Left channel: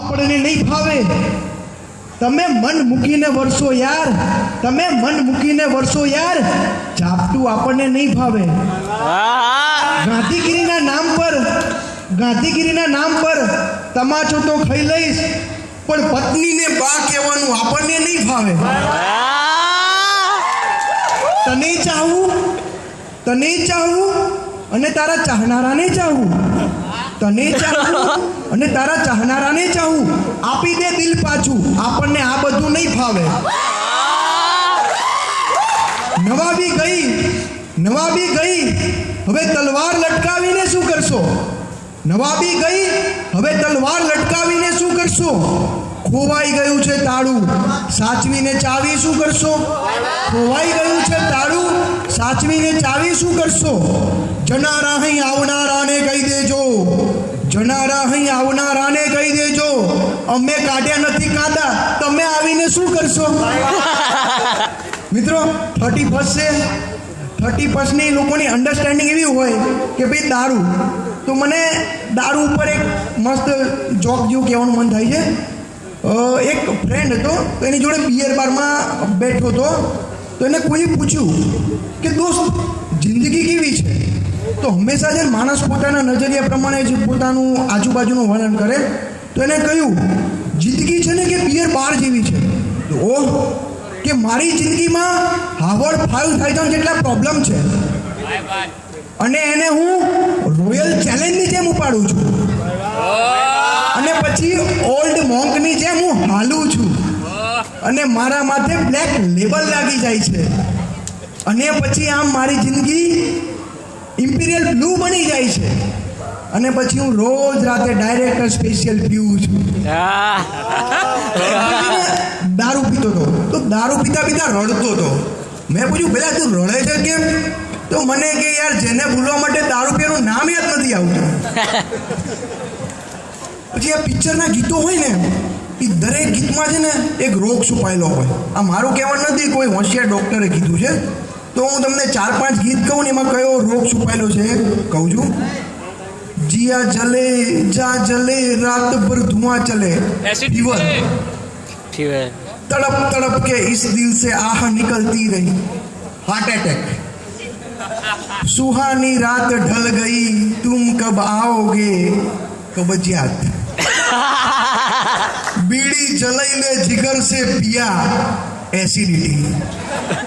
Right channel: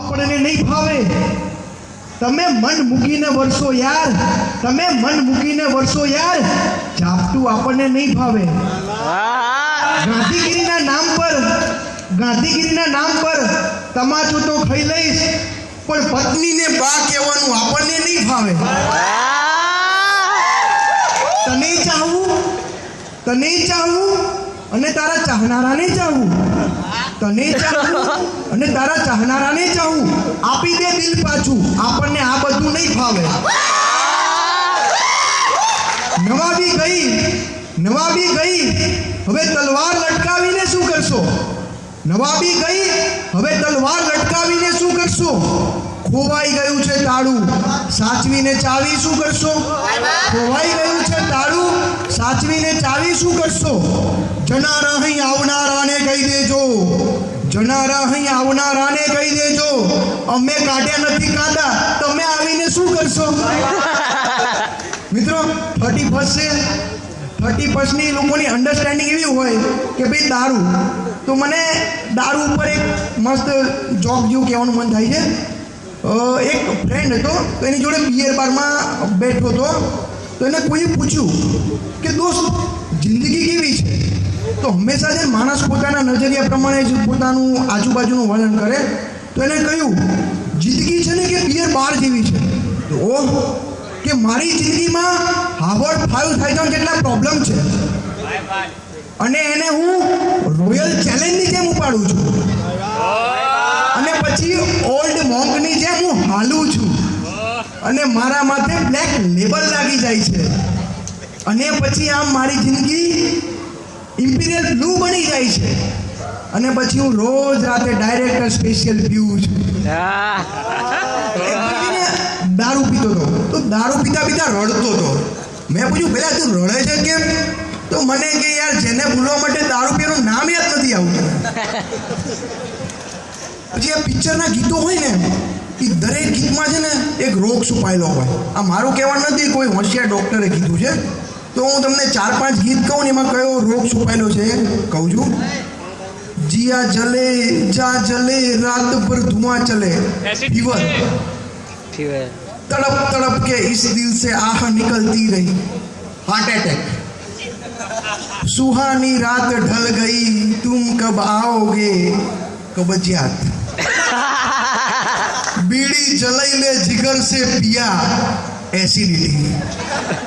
આપણને નહીં ભાવે. તમે મન મૂકીને વરસો યાર, તમે મન મૂકીને વરસો યાર, ઝાપટું આપણને નહીં ભાવે. ગાંધીગીરીના નામ પર તમાચું તો ખાઈ લઈશ, પણ પત્નીને બા કહેવાનું આપણને નહીં ભાવે. તને ચાહવું અને તારા ચાહનારાને ચાહવું, તને ચાહવું અને તારા ચાહનારાને ચાહવું, આપી દે દિલ પાછું, આપણને આ બધું નહીં ભાવે. નવાબી ગઈ, હવે તલવાર લટકાવીને શું કરશો? નવાબી ગઈ, હવે તલવાર લટકાવીને શું કરશો? ખોવાઈ ગયું છે તાળું, સાચવીને ચાવી શું કરશો? ખોવાઈ ગયું છે તાળું, સાચવીને ચાવી શું કરશો? જનારા અહીં આવનારાને કહી દેજો, જનારા અહીં આવનારાને કહી દેજો, અમે કાઢ્યા નથી કાંદા, તમે આવીને શું કરશો? મિત્રો 31 છે, 31ની લોકોની અન્ડરસ્ટેન્ડિંગ એવી હોય કે ભાઈ દારૂ, તો મને દારૂ ઉપર એક મસ્ત જોક જેવું કહેવાનું મન થાય છે. એક ફ્રેન્ડ હતો, તો એની જોડે બિયર બારમાં બેઠો હતો, તો એને કોઈ પૂછ્યું કે દોસ્ત જિંદગી કેવી છે? તો હંમેશા જે માણસ પોતાના નજરિયા પ્રમાણે જ પોતાનું આજુબાજુનું વર્ણન કરે, તો એને કહ્યું જિંદગી છે ને કે બિયર બાર જેવી છે. ઓહ, કે મારી જિંદગીમાં હાર્વર્ડ 5000 જેટલા પ્રોબ્લેમ છે અને એને હું રોયલ ચેલેન્જની જેમ ઉપાડું છું અને પછી ઓલ્ડ મોંકની જેમ હું હાલું છું અને મારા માથે બ્લેક લેબલ લાગી જાય છે અને પછી આમ મારી જિંદગી ઇમ્પિરિયલ બ્લુ બની જાય છે અને પછી હું રોજ રાતે ડાયરેક્ટર સ્પેશિયલ પીવું છું. દારૂ પીતો હતો, તો દારૂ પીતા રડતો હતો. મેં પૂછ્યું પેલા તું રડે છે કેમ? તો મને કે યાર જેને ભૂલવા માટે દારૂ પીવાનું નામ યાદ નથી આવતું. પછી આ પિક્ચરના ગીતો હોય ને, એ દરેક ગીતમાં છે ને એક રોગ છુપાયેલો હોય. આ મારું કહેવાનું નથી, કોઈ હોશિયાર ડૉક્ટરે કીધું છે. તો હું તમને 4-5 ગીત કહું ને, એમાં કયો રોગ છુપાયેલો છે કહું છું. जिया जले जा जले रात भर धुआं चले, फीवर, तड़प तड़प के इस दिल से आह निकलती रही, हार्ट अटैक, सुहानी रात ढल गई तुम कब आओगे, कब्जियत, बीड़ी जलाई ले जिगर से पिया, एसिडिटी.